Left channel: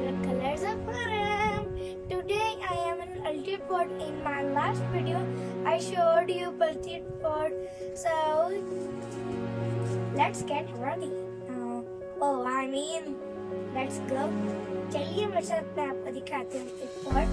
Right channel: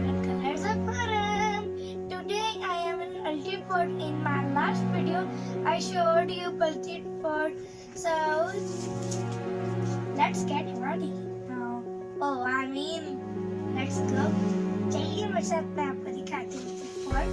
favorite colors of Haram. Today I am in Ultiport. In my last video I showed you Ultiport. So let's get ready. Let's go. चलिए मेरे साथ मैं आपको दिखाती हूँ Ultiport.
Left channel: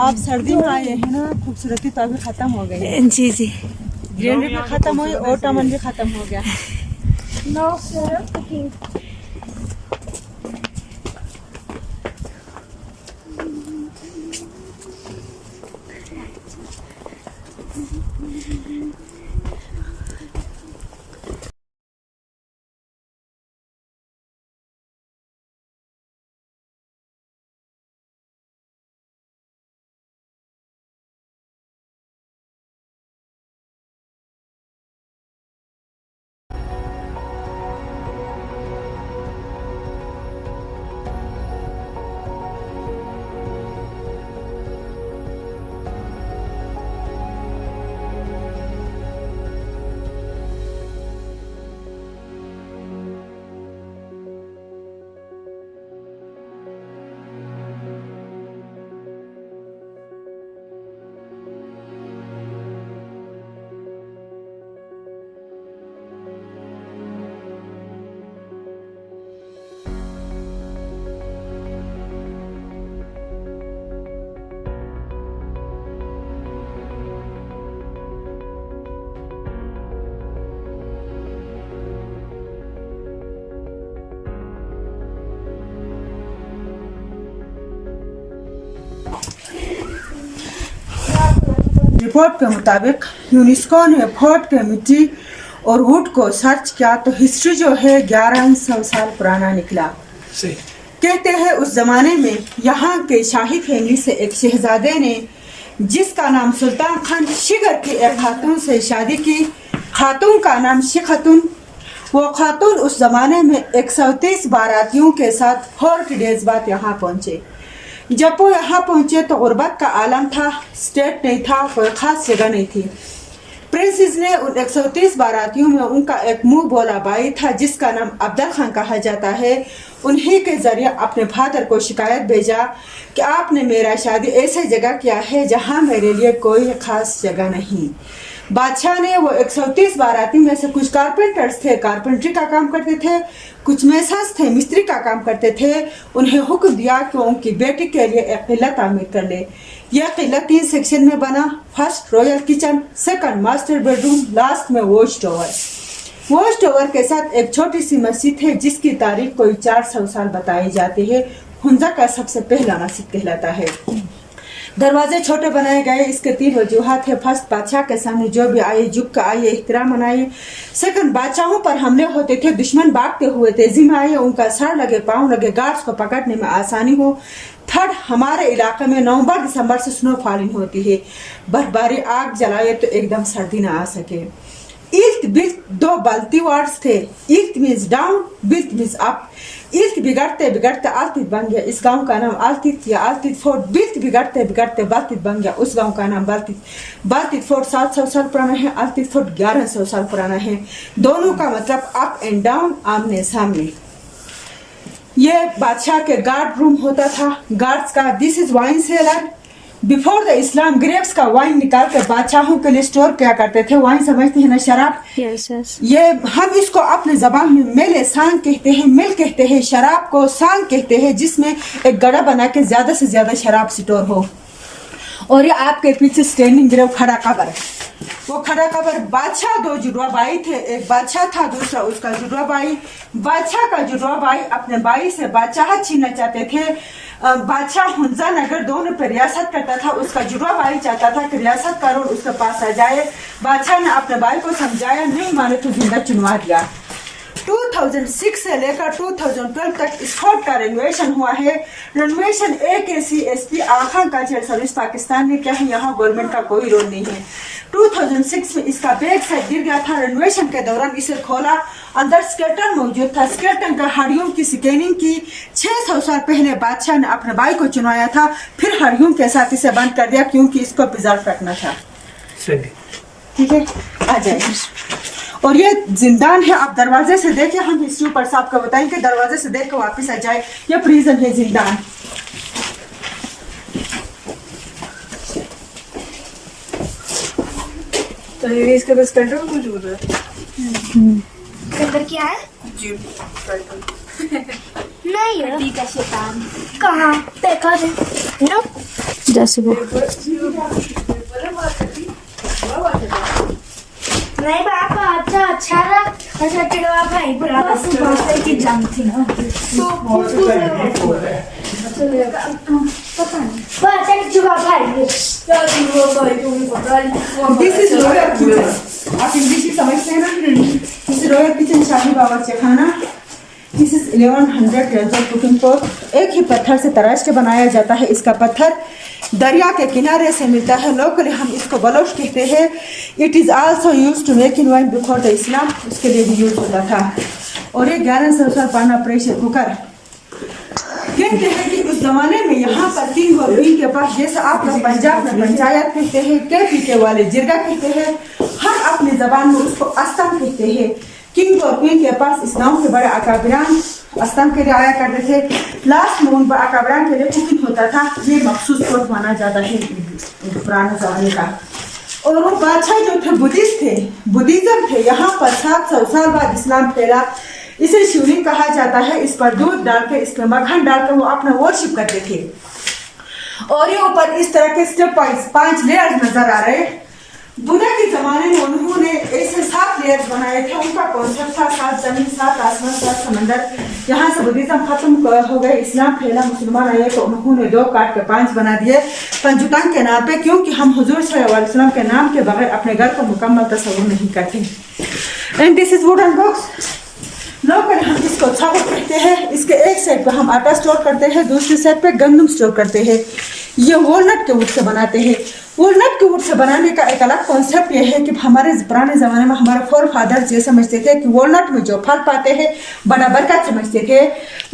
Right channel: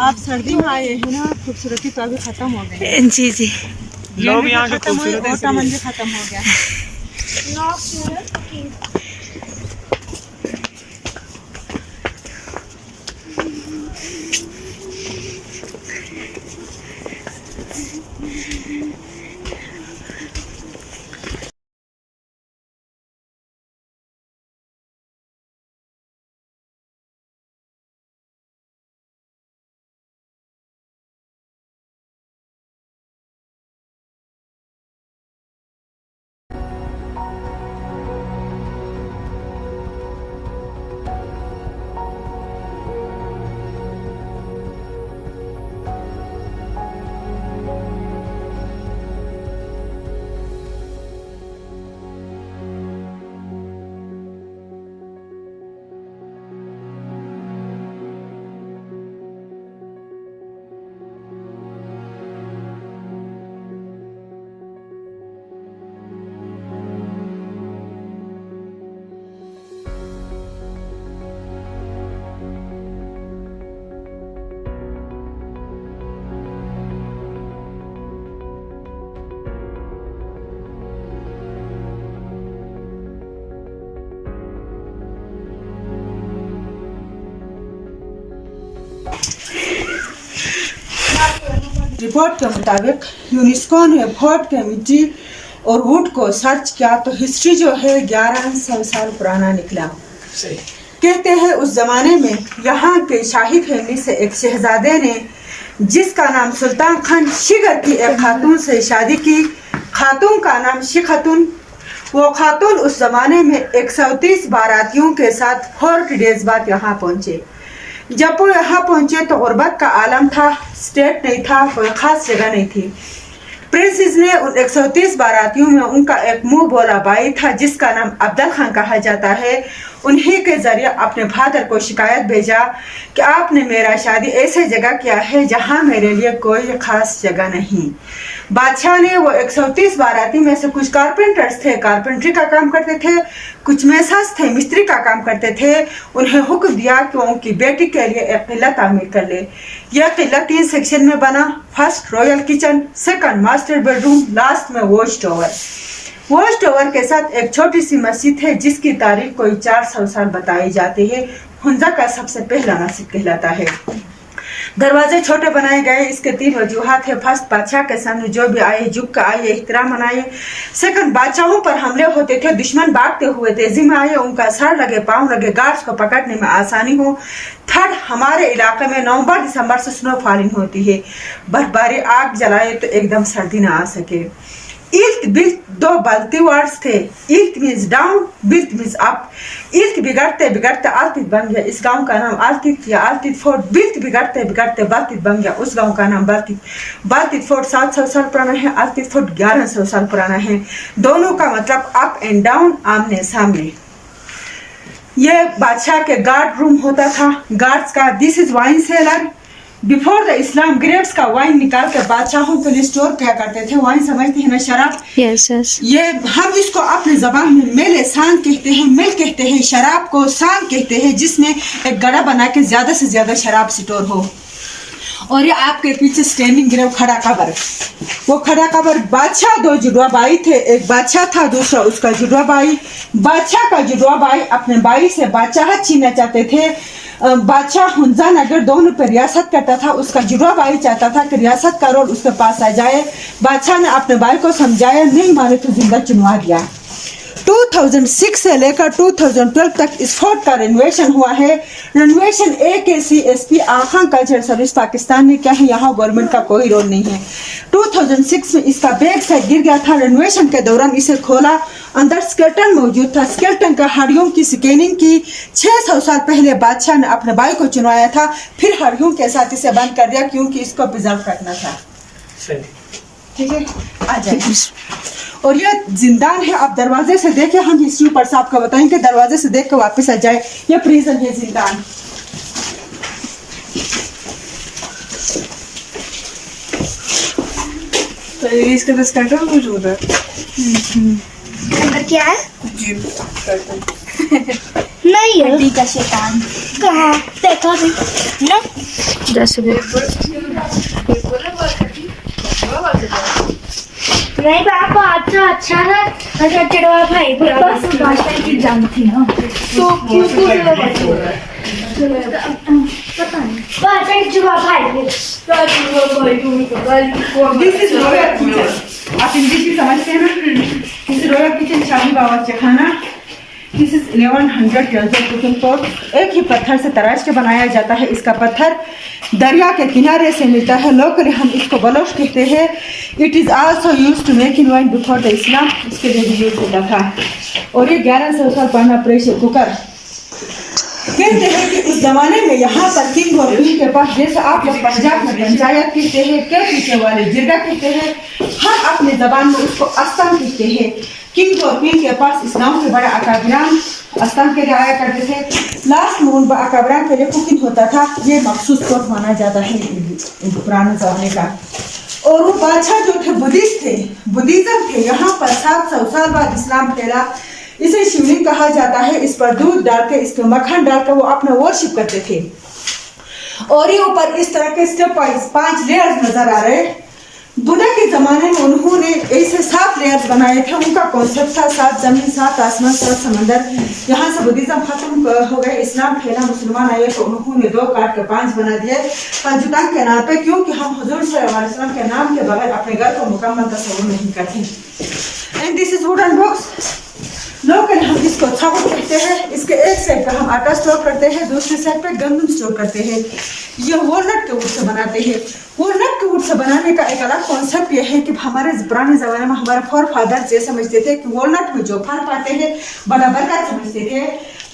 आप सर्दी में आए हैं ना, खूबसूरती तो अभी खत्म हो गई। जी जी, लोग यहाँ खत्म हुई और टमन भी खत्म हो गया। No cooking. रिपोर्ट के मुताबिक यूनेस्को ने फोर्ट के मिट्टी और वुड को सर्च किया तो हिस्ट्री जो है 1100 साल पुराना निकला। कहते हैं उस जमाने में यहाँ के शाही फैमिली से एक शहजादे ने, जिसका नाम सुल्तान खान शिगर की एक खातून से शादी की। खातून का नाम शिखतून। वो खातून उस जमाने में 130 बारातियों के साथ 40 डेज बाद यहाँ पहुँचे। जब वो यहाँ पहुंचे तो गुर्बत का आलम था, स्टेट नहीं था, कोई खास जगह नहीं थी। प्रिंसेस ने उन 130 बारातियों में उनका एक मुंह बोला भाई था, जिसका नाम अब्दुल खान कहा जाता है। उन्हीं के जरिए अपने फादर को शिकायत भेजा कि आपने मेरा शादी ऐसे जगह किया है जहाँ मेरे लिए कोई खास जगह नहीं। बादशाह ने वो 130 बाराती में से कुछ कारपेंटर्स थे, कारपेंट्री का काम करते थे, कुछ मैसास थे, मिस्त्री का काम करते थे। उन्हें हुक्म दिया कि उनकी बेटी के लिए एक किला तामीर कर ले। यह किला 3 सेक्शन में बना। First royal kitchen, second master bedroom, last में वॉच टावर। वॉच टावर के साथ एक छोटी सी मस्जिद है जिसकी तारीख कोई 400 साल बताई जाती है। हुंजा का सबसे पहला मस्जिद कहलाता है। दरवाजे छोटे बनाए गए। इसके 3 वजूहात है। फर्स्ट, बादशाह के सामने जो भी आए झुक कर आए, एहतराम मनाए। सेकंड, बादशाहों पर हमले होते थे, दुश्मन भागते हुए तेजी में आए, उनका सर लगे, पांव लगे, गार्ड्स को पकड़ने में आसानी हो। थर्ड, हमारे इलाके में नवंबर दिसंबर से स्नो फॉलिंग होती है, बर्फबारी, आग जलाए तो एकदम सर्दी ना आ सके। इल्त बिल्त 2 बल्ती वर्ड्स थे। इल्त मीन्स डाउन, बिल्त मीन्स अप। इल्त बिगड़ते बिगड़ते आलतित बन गया, इस गांव का नाम आलतित या आलतित फोर्ट। बिल्त बिगड़ते बिगड़ते बालतित बन गया, उस गांव का नाम बालतित। बालतित फोर्ट 700 साल पुराना है, आलतित फोर्ट 1100 साल पुराना है। दोनों का मतलब अप एंड डाउन, आमने सामने। ये बादशाह के गार्ड रूम होता था। गार्ड्स का this is wine cellar. Before the Islam grapes का वाइन निकाल के बादशाहों के लिए स्टोर किया करते थे। वाइन समझते हैं ना, शराब। यस। ये हम इसको अपने जबान में मेले सांग कहते हैं, मिल कहते हैं। शराब को सांग कहते हैं, जिसमें एक गड़ा बना के ज्यादा से ज्यादा शराब स्टोर हो। और ये आपके पीछे स्टैंडिंग ग्रेव खड़ा कबर। वो खड़ा कबर बादशाह 2 जुड़वा भाई थे। एक बादशाह था, दूसरा उसका जुड़वा भाई। बादशाह का जुड़वा भाई अपने भाई से बादशाह छीनना चाहते थे। बादशाह हुंजा नगर दोनों पर रियासत करता था। उसका जुड़वा भाई चाहता था कि रियासत का रोल उसके पास आ जाए। बादशाह ने अपने भाई को समझाया, नहीं माने तो जिंदा चुनवा दिया। 2006 से लेकर 2012 तक इस फोर्ट का रेनोवेशन हुआ है। Renovation AKCSP Aga Khan cultural service Pakistan ने किया है, यहाँ गवर्नमेंट का कोई रोल नहीं है। 2006 में इसका बैक साइड गिर गया था। रेनोवेशन के दौरान इसे खोला, अंदर स्केलेटन मौजूद था। स्केलेटन का हड्डियों की स्कैनिंग की। 600 साल पहले बादशाह ने अपने भाई को चुनवाया था, फिर हड्डियों के साथ इसे बंद कर दिया क्योंकि इसको प्रिजर्व रखना था। ठीक है, आ जाइए। और ये जिंदान है, आप दरवाजे से देखिए, हम हिस्ट्री पर से आपको बताएंगे, दरवाजे से देख कर वापस आ जाए। ये प्रिजन है, जिंदान। तो इसका तो स्केलेटन मौजूद है। अंदर क्या है? जी नहीं है। हड्डी का शैतान कहाँ देखा भी ना? जैसे भी नहीं पापा, अच्छा है। अच्छा चिड़वा भाई भाषा की जानती ना तो पता नहीं भाषा की चिड़वा भाई दिस इज रॉयल किचन। आप इंग्लिश भी समझते हैं ना? दिस इज रॉयल किचन, शाही बावर्ची खाना। This is 1100 years old cooking pot. एक ही पत्थर से तराश के बनाया जाता है। इसका पत्थर दरिया के किनारे से मिलता है। लोकली हम इसको बलोच कहते हैं। It is also use to make in wine before the Islam, उसके लिए भी यूज होता था। और ये 1100 साल पुराना प्रेशर कुकर। कहते हैं कि उस जमाने में यहाँ पर किंग और क्वीन के पास, जैसे आप लोग पंजाब में पंचायत कहते हैं, के पीछे वाले जिरगा कहते हैं, हम अपनी जबान में उसको अस्तान कहते हैं। किंग और क्वीन के पास इस्लाम के बड़े अकाबिरान अस्तान के लिए आया करते थे। लास्ट में उन अकाबिरान के लिए कुकिंग होता था। ये मखसूस कोर्ट माना जाता है पुराने जमाने का। और वो बादशाह जो थे बुद्धिस्ट थे, बुद्धिज्म थे। यहाँ पर 700 साल बाद इस्लाम फैला। इसे शिवलिंग कहा जाता है। इस पर दूध डाल के, इस पर मक्खन डालकर वो अपना वर्शिप करते थे। और ये ऊपर इस तरह के स्टेप वाइज 5 लेयर्स नजर आ रहे। बुद्धा के जमाने में उन्होंने ऐसे 7 लेयर्स बनाए थे। उनका कॉन्सेप्ट था 7 जमीन, 7 आसमान, 7 समंदर। यहाँ से बुद्धिज्म खत्म हो गए, इस्लाम फैला, मुसलमान आए तो उन्होंने 2 काट के 5 बना दिए पंजुतान के नाम पे, क्योंकि हम हुजूर सल्लल्लाहु अलैहि वसल्लम के नाम के बगैर अपने घर को मुकम्मल तस्वुर नहीं करते। And this is wooden box. Local हम इसको छावट कहते हैं। इसके एक साइड पे हम आटा स्टोर करते हैं, दूसरी साइड पे गंदम स्टोर करते हैं। ये वॉलनट के वुड से बनाते हैं। वॉलनट के वुड से बनाने का एक अलग कॉन्सेप्ट ये है कि हमारे पुराने ज़माने में हमारे फोर फादर्स ये समझते थे कि वॉलनट में जो फल पाते हैं बड़ा बरकत समझते थे।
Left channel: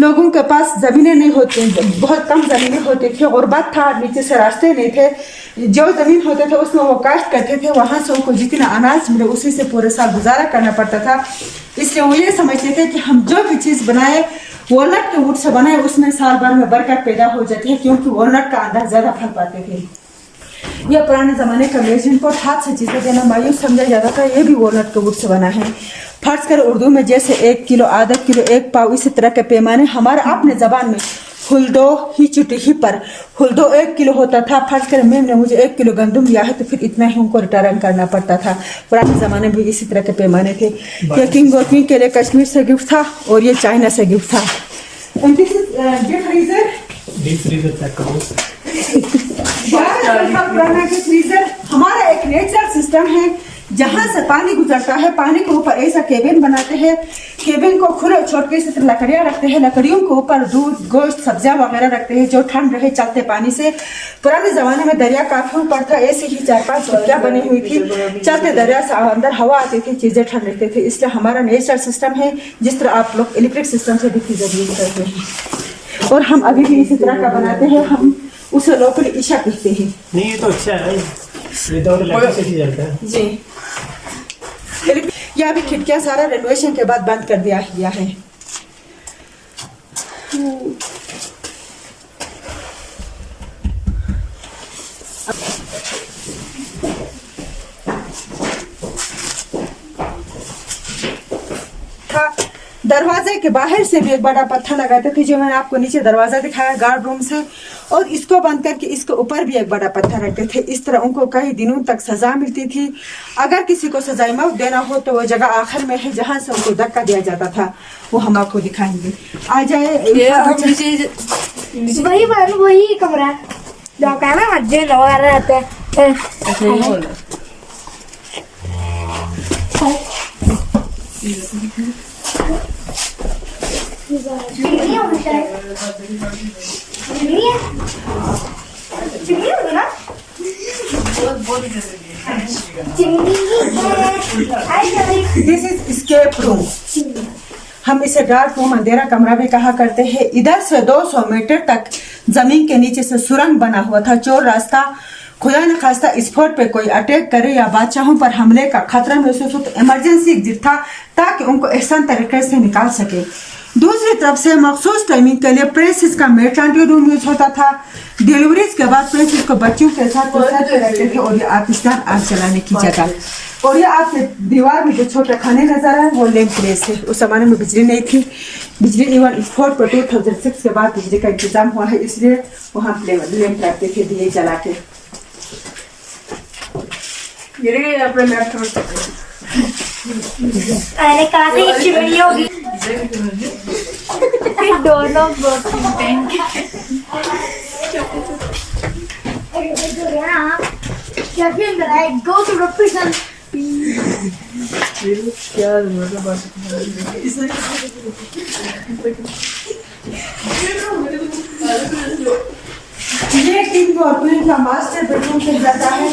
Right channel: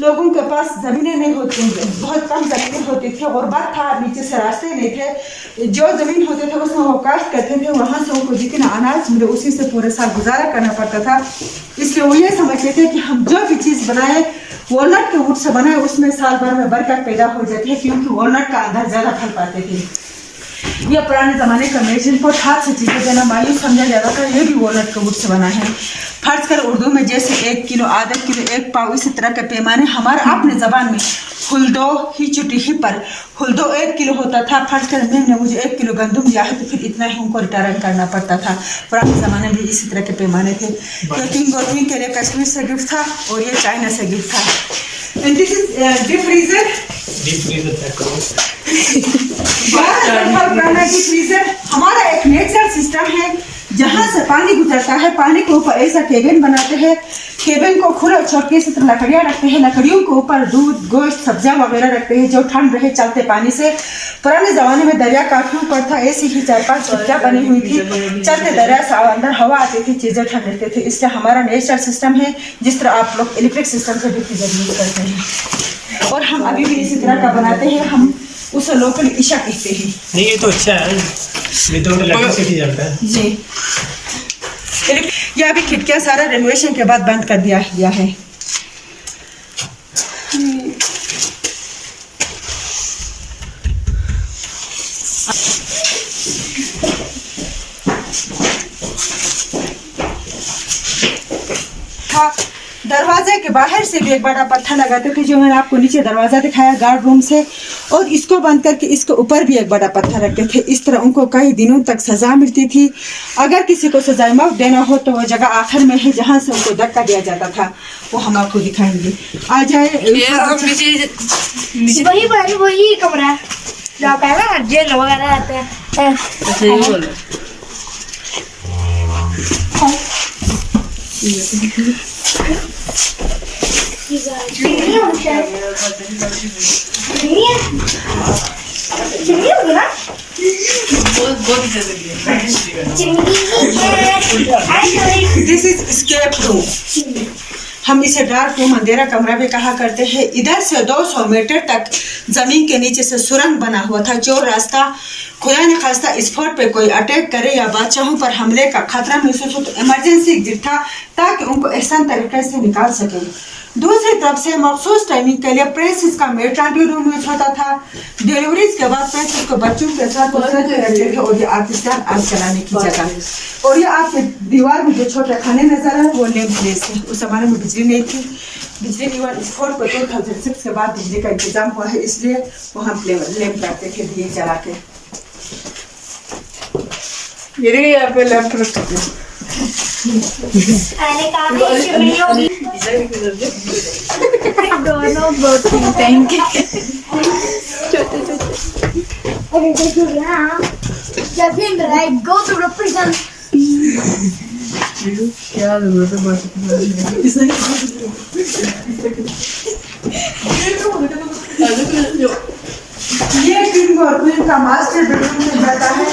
लोगों के पास ज़मीनें नहीं होती, बहुत कम ज़मीनें होती थी और बात था, नीचे से रास्ते नहीं थे। जो ज़मीन होते थे उसमें वो काश्त करते थे, वहाँ से उनको जितना अनाज मिले उसी से पूरे साल गुजारा करना पड़ता था। इसलिए वो ये समझते थे कि हम जो भी चीज़ बनाए वॉलनट के वुड से बनाए, उसमें साल भर में बरकत पैदा हो जाती है, क्योंकि वॉलनट का अंदर ज़्यादा फल पाते थे। यह पुराने ज़माने का मेजरिंग पॉट हाथ से चीज़ें देना मायूस समझा जाता था। ये भी वॉलनट के वुड से बना है। फर्ज कर उर्दू में जैसे 1 किलो, आधा किलो, 1 पाव, इसी तरह के पैमाने हमारे अपने ज़बान में हुल्दो ही चुटी ही पर हुल्दो 1 किलो होता था। फर्ज कर मैम ने मुझे 1 किलो गंदम दिया है तो फिर इतना ही उनको रिटर्न करना पड़ता था। पुराने ज़माने में इसी तरह के पैमाने थे। ये किंग और क्वीन के लिए कश्मीर से गिफ्ट था और ये चाइना से गिफ्ट था। And this is deep freezer. हमारा एक नेचुरल सिस्टम है जहाँ से पानी गुजरता है। पानी के ऊपर ऐसा केबिन बनाते हैं। केबिन को खुले छोड़ के इस तरह लकड़ियाँ रखते हैं। लकड़ियों के ऊपर दूध, गोश्त, सब्जियाँ वगैरह रखते हैं जो ठंड रहे चलते पानी से। पुराने ज़माने में दरिया काफी ऊपर था, ऐसी ही 4-5 झुग्गियाँ बनी हुई थी। चलते दरिया से अंदर हवा आती थी, चीज़ें ठंड रहते थे। इसलिए हमारा नेचुरल सिस्टम है, जिस तरह आप लोग इलेक्ट्रिक सिस्टम से भी फ्रीजर यूज करते हैं। और हम अभी भी इसी तरह का बनाते हैं। हम उसे लोकल ईशा कहते हैं। नहीं, ये तो अच्छा है, विदाउट इलेक्ट्रिसिटी चलता है जी। यह अभी खिड़कियां सारा रेनोवेशन के बाद बंद कर दिया गया है। दरवाजे के बाहर से भी एक बड़ा पत्थर लगाते थे, जो मैंने आपको नीचे दरवाजा दिखाया गार्ड रूम से। और इसको बंद करके इसके ऊपर भी एक बड़ा पत्थर रखते थे। इस तरह उनको कई दिनों तक सजा मिलती थी। अगर किसी को सजा मौत देना हो तो वो जगह आखिर में है जहाँ से उनको धक्का दिया जाता था, वो हम आपको दिखाएंगे। आ जाए। वही कमरा है जो आप कहना ना जेल वगैरह रहते हैं। ऐसे ही बोल चिमनी होगी शायद। चिमनी है, चिमनी होगी ना। चिमनी है। This is escape room. हम इसे डार्क रूम, अंधेरा कमरा भी कहा करते हैं। इधर से 200 मीटर तक जमीन के नीचे से सुरंग बना हुआ था। चोर रास्ता खुदा न खास्ता स्पॉट पे कोई अटैक करे या बादशाहों पर हमले का खतरा महसूस हो तो इमरजेंसी एग्जिट था, ताकि उनको एहसान तरीके से निकाल सके। दूसरी तरफ से मखसूस टाइमिंग के लिए प्रेसिस का मेटर्निटी रूम यूज होता था। डिलीवरीज के बाद प्रेसिस को बच्चों के साथ रखते थे, और ये आतिशदार आग जलाने की जगह। और ये आपके दीवार में जो छोटे खाने नजर आए वो लैंप प्लेस है। उस जमाने में बिजली नहीं थी। बिजली इवन स्पोर्ट पर 2006 के बाद बिजली का इंतजाम हुआ है, इसलिए वहाँ लैंप रखते थे दिए जला के। ये देखिए यहाँ पे लैंप रख सकते हैं। मैंने कहा था ये चिमनी होगी। दोनों बहुत थैंक यू। छोटे अरे देखो ना, जब ये मेरा go to represent। क्या जरूरत है बात ये किंग और क्वीन का मास्टर बेडरूम से जाता है।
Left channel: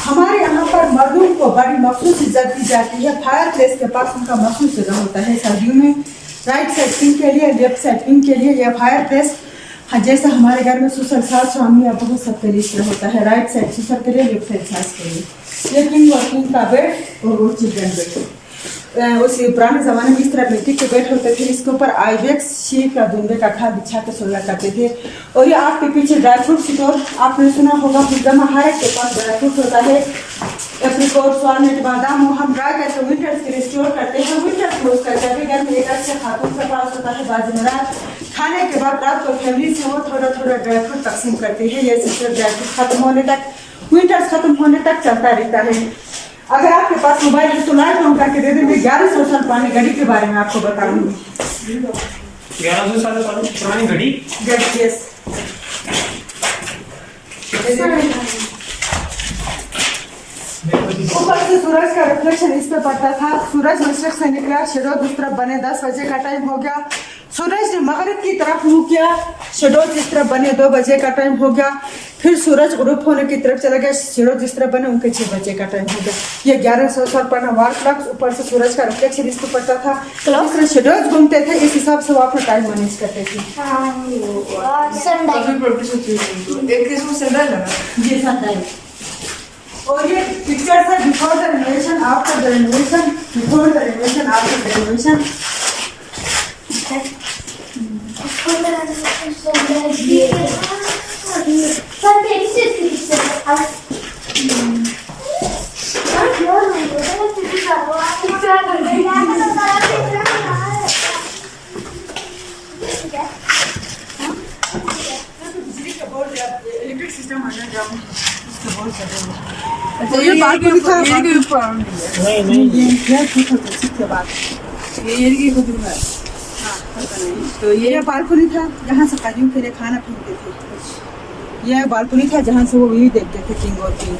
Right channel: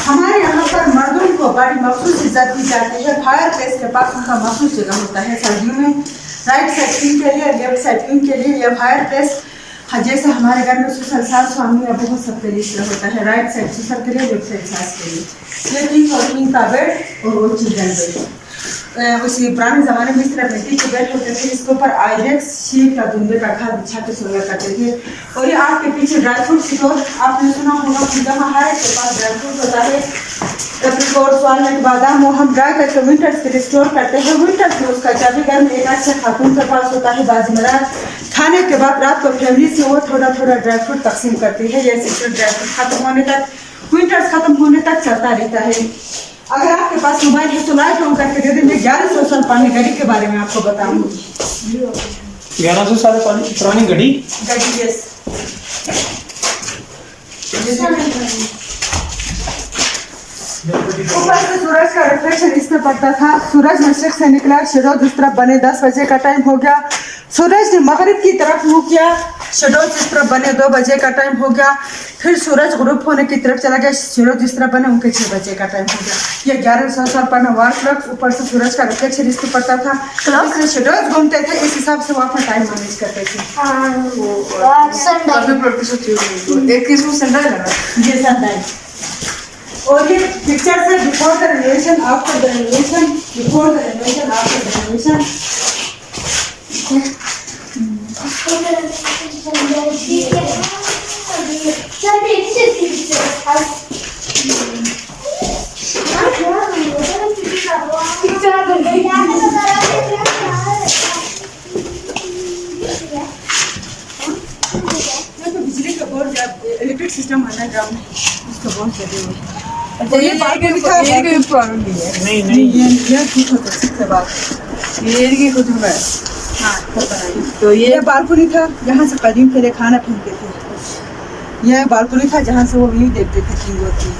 हमारे यहाँ पर मर्दों को बड़ी मखसूस इज्जत दी जाती है। फायर प्लेस के पास उनका मखसूस जगह होता है। सर्दियों में राइट साइड किंग के लिए, लेफ्ट साइड किंग के लिए। यह फायर प्लेस जैसे हमारे घर में ससुर सास स्वामी या बहुत सबके लिए इसलिए होता है। राइट साइड ससुर के लिए, लेफ्ट साइड सास के लिए। ये किंग और क्वीन का बेड और वो चिल्ड्रन बेड। उसी पुराने ज़माने में इस तरह मिट्टी के बेड होते थे। इसके ऊपर आइडेक्स शीट का धुंधे का खाद बिछा के सोया करते थे। और ये आपके पीछे ड्राई फ्रूट स्टोर आपने सुना होगा कि जहाँ हर एक के पास ड्राई फ्रूट होता है। एप्रिकॉट, वालनट, बादाम वो हम ड्राई करके विंटर्स के लिए स्टोर करते हैं। विंटर्स में उसका चाबी घर में एक अच्छे खातून के पास होता है बाजीमरार। खाने के बाद रात को फैमिली से वो थोड़ा थोड़ा ड्राई फ्रूट तकसीम करती है। ये सिस्टर ड्राई फ्रूट खत्म होने तक, विंटर्स खत्म होने तक चलता रहता है। अगर आपके पास मोबाइल है तो लाइट ऑन करके दे दें। मैं 1100 साल पुरानी घड़ी के बारे में आपको बताऊंगी। 1100 साल पुरानी घड़ी। यस। ऊपर से सूरज का रिफ्लेक्शन इस पे पड़ता था। सूरज मशरिक से निकला, शेडोज इस तरफ बने। 10 बजे का टाइम हो गया। सूरज ने मगरिब की तरफ मुंह किया, शेडोज इस तरफ बने। 2 बजे का टाइम हो गया। फिर सूरज ग्रुप होने की तरफ चला गया, शेडोज इस तरफ बने, उनके 6 बजे का टाइम हो गया। ये 1100 साल पुराना वॉल क्लॉक। ऊपर से सूरज का रिफ्लेक्शन इस पे पड़ता था। क्लॉक से शेडोज घूमते थे, इस हिसाब से वो अपना टाइम मैनेज करते थे। एक किस्म संडा है ना। ये सनलाइट। और ये पिक्चर है before the renovation, after the renovation, before the renovation, after the renovation. बिजली का बोर्ड, इलेक्ट्रिक सिस्टम अंडरग्राउंड, उसका बोर्ड लगे हुए। तो ये बालकनी था। नहीं नहीं ये ठीक होता सबसे बात। ये की खुद में। हाँ, तो ये बालकनी था जहाँ से कदीम के लिए खाना फेंकते थे। यह बालकनी था जहाँ से वो व्यू देखते थे किंग और क्वीन।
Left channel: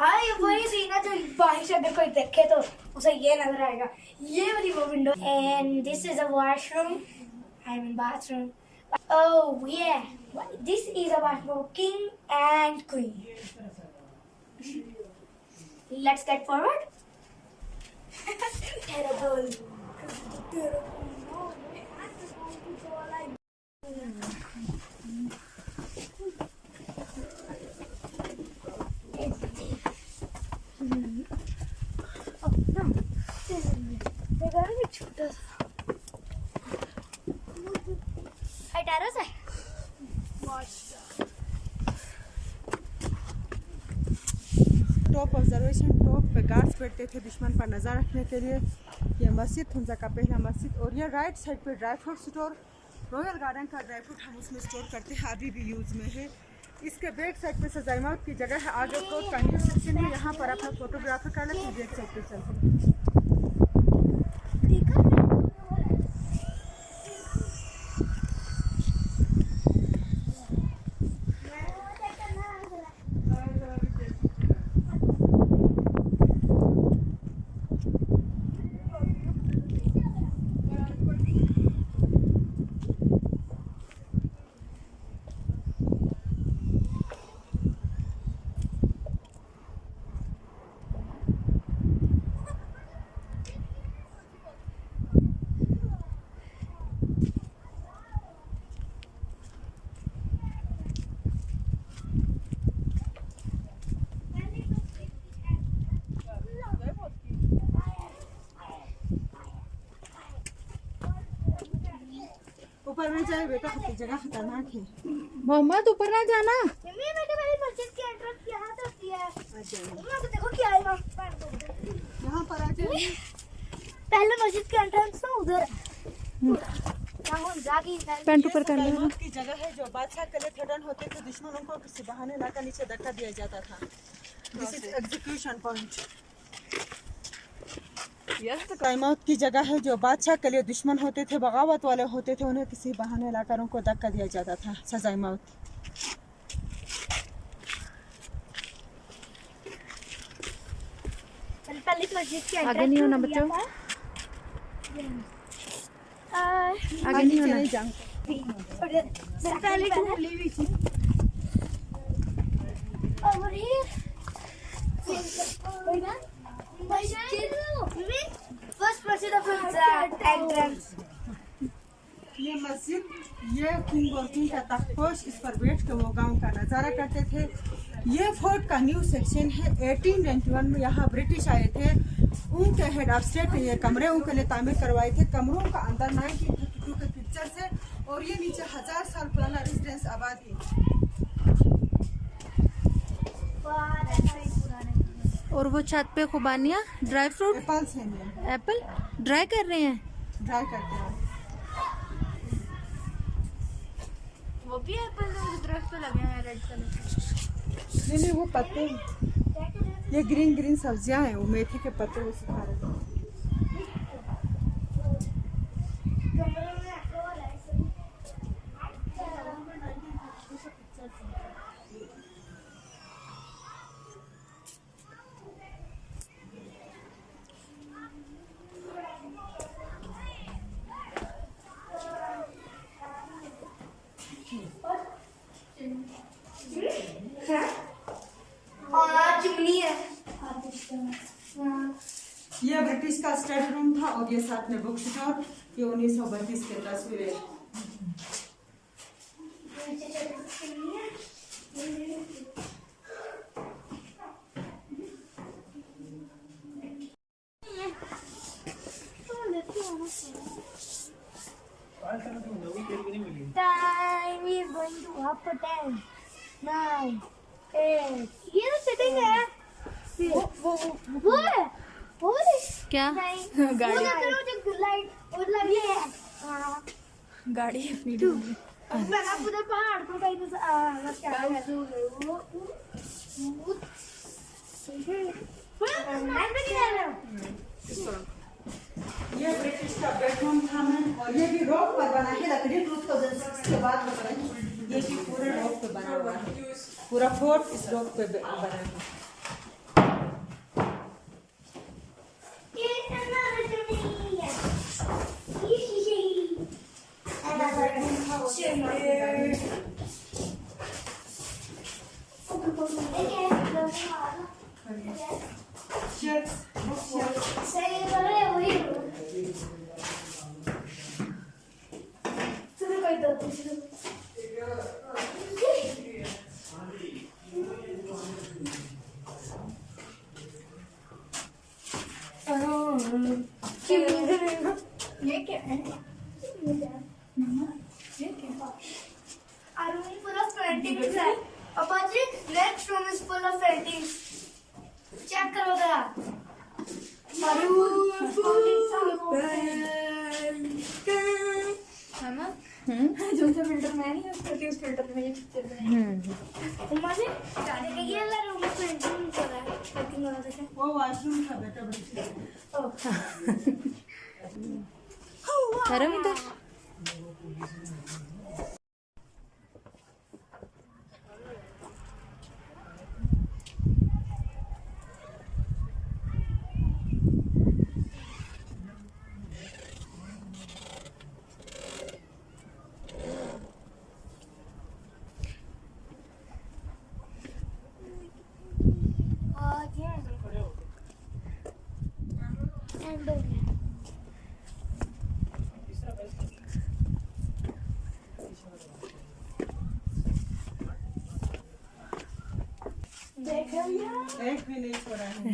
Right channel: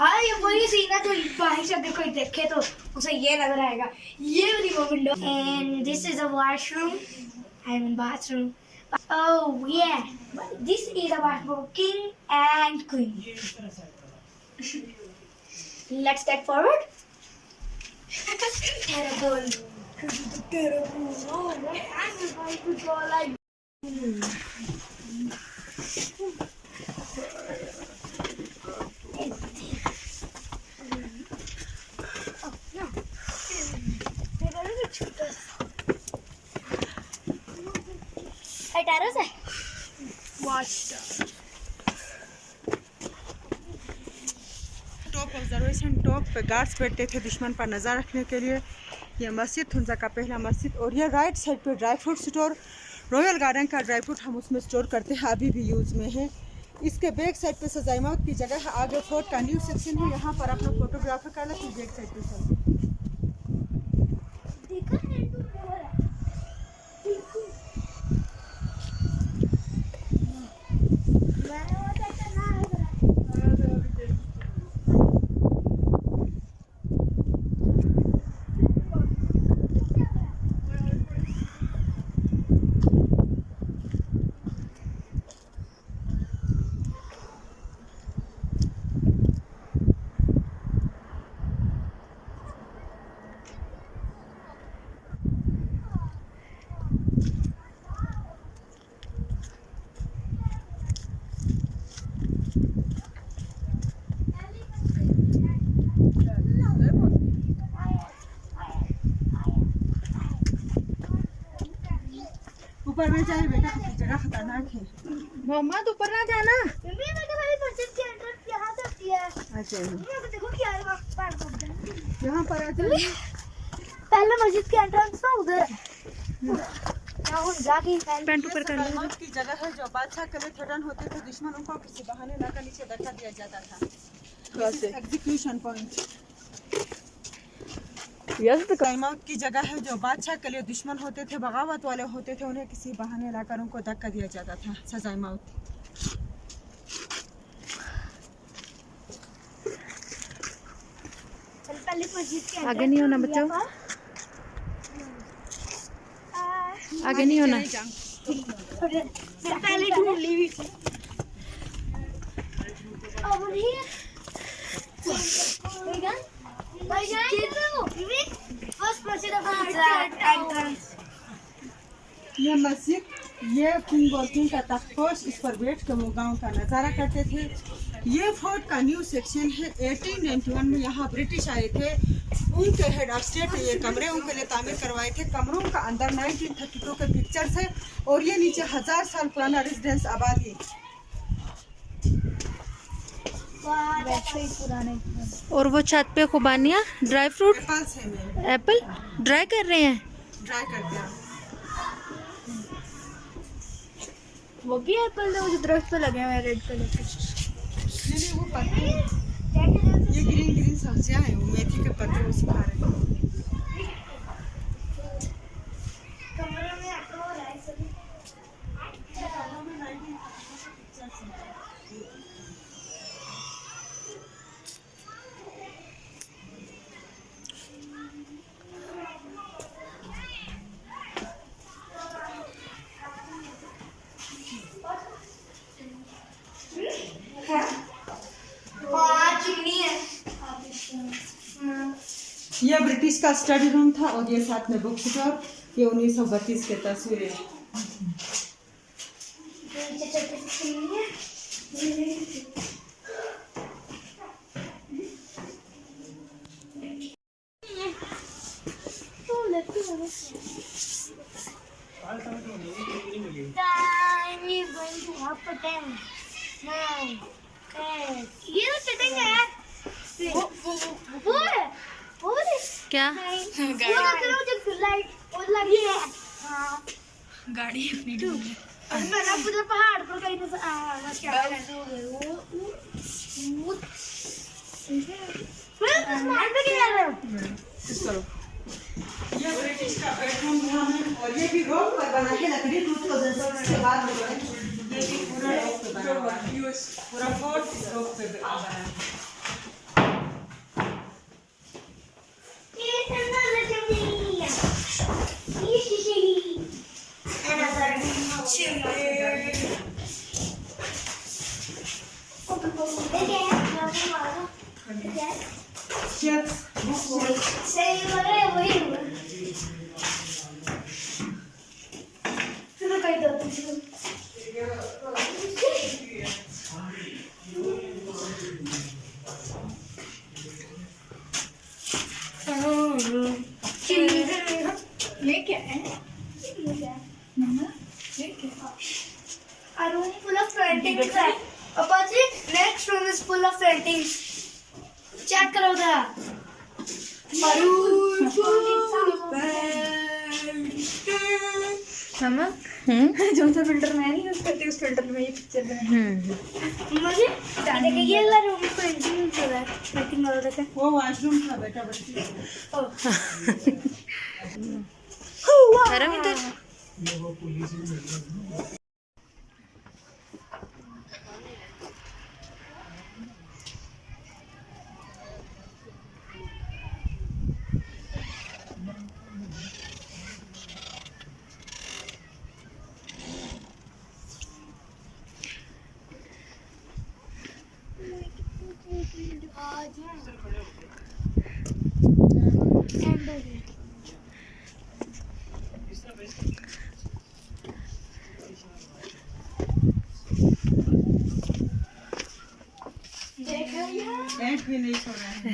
हाँ ये वही सीन है जो बाहर से अगर कोई देखे तो उसे ये नजर आएगा, ये वाली वो window. And this is a washroom, I mean bathroom. Oh yeah, this is a washroom king and queen. Let's get forward. Terrible. Terrible. No, I'm just going to go like. Oh no. They're gonna be shoot us. Hey, terrace. Watch. Top observation top पे guards बैठते थे दुश्मन पर नज़र रखने के लिए। ये मस्जिद हुंजा का पहला मस्जिद, और ये राइट साइड पे dry fruit store, royal garden का ड्राई फ्रूट हम उसमें स्टोर करते हैं, अभी भी यूज़ में है। इसके बैक साइड पे सजाई मौत की जगह है, आगे फ्रूट का न्यू सेक्शन है, यहाँ पर अपना फोटोग्राफर कर ले। फिर बैक साइड पे चलते ऊपर में जाए बेटा, जगह खतरनाक है। मोहम्मद ऊपर ना जाना। मम्मी बेटा मेरी मस्जिद की एंट्रेंस यहाँ तक है। अच्छा मम्मी देखो क्या है वहाँ पर। यहाँ पर आ जाए। पहले मस्जिद की एंट्रेंस ना उधर। यहाँ जाके पैंट ऊपर कर लो। मौत की जगह है जो बादशाह के लिए थ्रेटन होते थे, दुश्मनों को किसी बहाने लाकर नीचे धक्का दिया जाता था। This is execution point. Yes तो मौत की जगह है जो बादशाह के लिए दुश्मन होते थे, बगावत वाले होते थे, उन्हें किसी बहाने लाकर उनको धक्का दिया जाता था, सजाए मौत। आगे नहीं होना बच्चों, आगे नहीं होना। पहले ढूंढ ली हुई थी। Over here. First proceed of entrance. ये मस्जिद, ये किंग और किंग का तख्तपोश, इस पर बैठ के वो गांव का नज़ारा करते थे। ये फोर्ट का न्यू सेक्शन है। 1891 में यहाँ ब्रिटिश आए थे, उनके हेड ऑफ स्टेट ये कमरे उनके लिए तामीर करवाए थे। कमरों का अंदर 1932 के पिक्चर्स है, और ये नीचे 1000 साल पुराना रेजिडेंस आबादी। और वो छत पे खुबानियाँ, ड्राई फ्रूट, एप्पल से में एप्पल ड्राई कर रहे हैं। ड्राई करते हैं। वो भी एप्पल जो दरख्त पे लगे हुए हैं रेड कलर के। नहीं वो पत्ते, ये ग्रीन ग्रीन सब्जियां हैं, वो मेथी के पत्ते वो सुखा रहे हैं। कमरे में आपको हो रहा है सभी। ये ब्रिटिश का स्टडी रूम था, और ये साथ में बुक स्टोर। ये 1932 के तस्वीरें। Time is going to half a 10, 9, 8. ये तो चटिंग है। वो है। वो है। क्या गाड़ी लाइट और लगी है। हाँ गाड़ी अपनी मैं ना उधर पहाड़ पर कहीं से क्या है वो ये ब्रिटिश का बेडरूम था, और ये भी रॉक पर बना है, लकड़ी 2006 के बाद में बना। ये भी पूरा रॉक पे बना हुआ है, पूरा फोर्ट इस रॉक पे बना है। सही लग रहा है वही। चलो कहीं दो चलो। ये क्या है? A room full of paintings है। पापा जी, next room is full of paintings। Check करो जरा। A room full of paintings। नमक जो सा फिल्टर मैं नहीं यूज करती उस फिल्टर में ये पिक्चर बनाई। मम्मा जी, देखिए ये वाला रूम में पेंटिंग चल रहा है। पेंटिंग वाला देखो। वो वॉशरूम था बेटा बच्ची। रविंदर एक भी नहीं सो रहा है।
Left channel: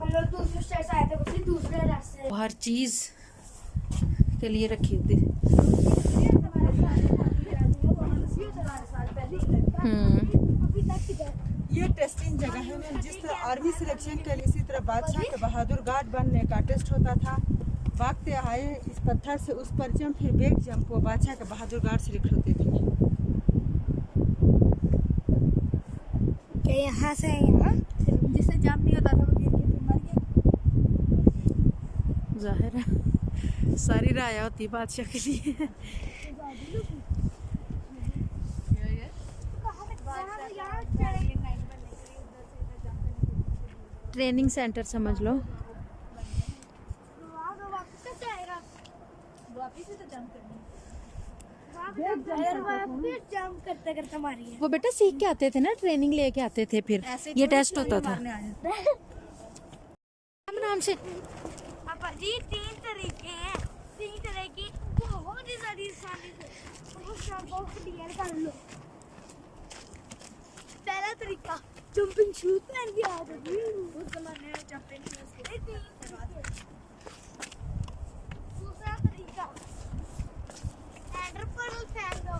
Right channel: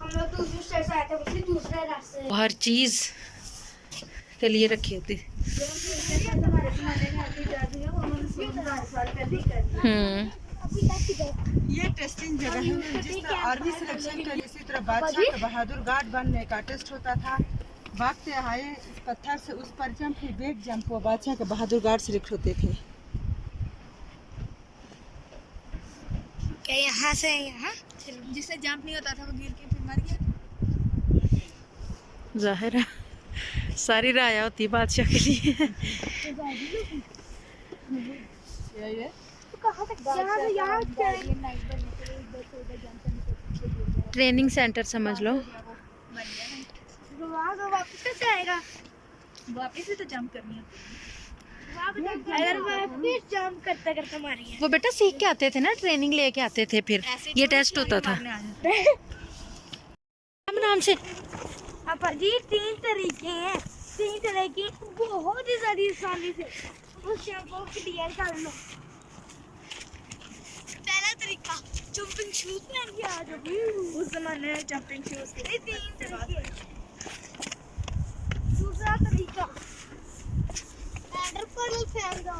हम लोग दूसरे स्टेट से आए थे, बल्कि दूसरे रास्ते। हर चीज के लिए रखी होती। ये टेस्टिंग जगह है जिस तरह आर्मी सिलेक्शन के लिए इसी तरह बादशाह का बहादुर गार्ड बनने का टेस्ट होता था। भागते आए इस पत्थर से उस पर जंप, फिर बैक जंप, वो बादशाह के बहादुर गार्ड सिलेक्ट होते थे। क्या यहाँ से यहाँ? जिससे जंप नहीं होता था वो गिर के फिर मर गया। जाहिर है सारी राया होती है बादशाह के लिए। ट्रेनिंग सेंटर समझ लो। वापिस से तो जंप करनी है। अगर वापिस जंप करते करते मारिए। वो बेटा सीख के आते थे ना, ट्रेनिंग लेके आते थे, फिर ये टेस्ट होता था। नाम से पापा जी 3 तरीके हैं, 3 तरह की बहुत ही ज्यादा आसानी से उस को क्लियर कर लो। पहला तरीका जंपिंग शूज पहन के आ जाओ। उस जमाने में जंपिंग शूज थे। 3 तरीके। दूसरा तरीका एंडर पर फेंक दो।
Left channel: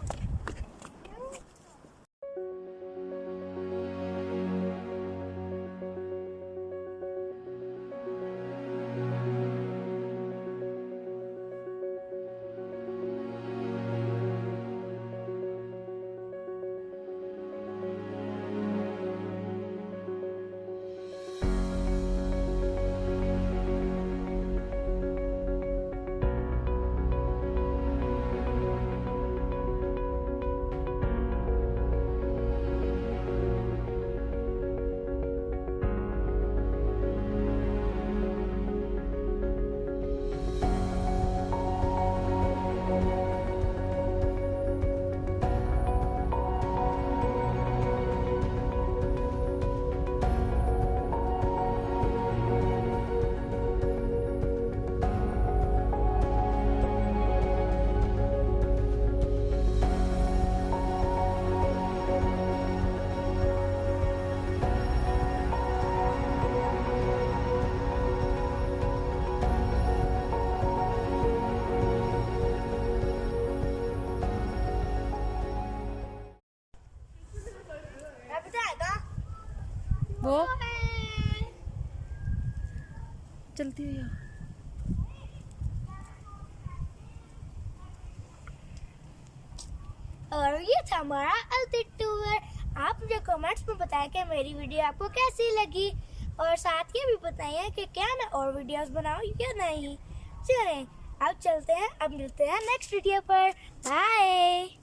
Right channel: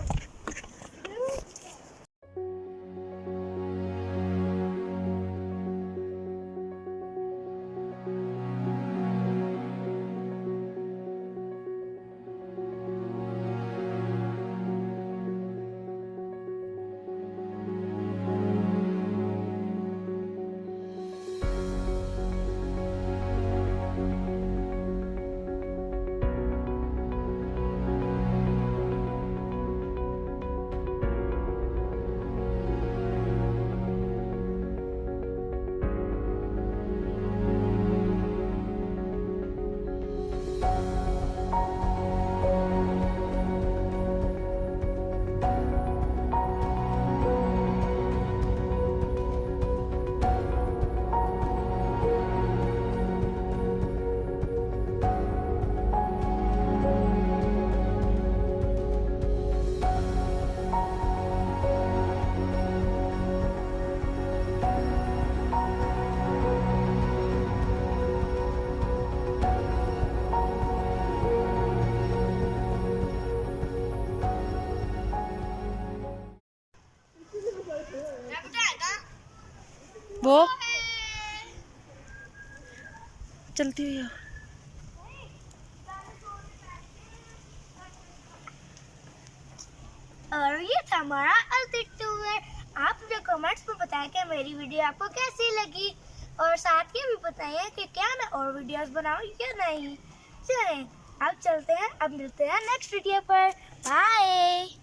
वो चलती हुई है। और ये था हमारा अल्टिट्यूड टूर। आप मुझे कमेंट्स में बताएं कि मेरी वीडियो आपको कैसी लगी, और साथ ये भी बताइए कि क्या मैं और वीडियोस बनाऊं या नहीं। चलें अब चलते हैं, अब मिलते हैं नेक्स्ट वीडियो पर। बाय।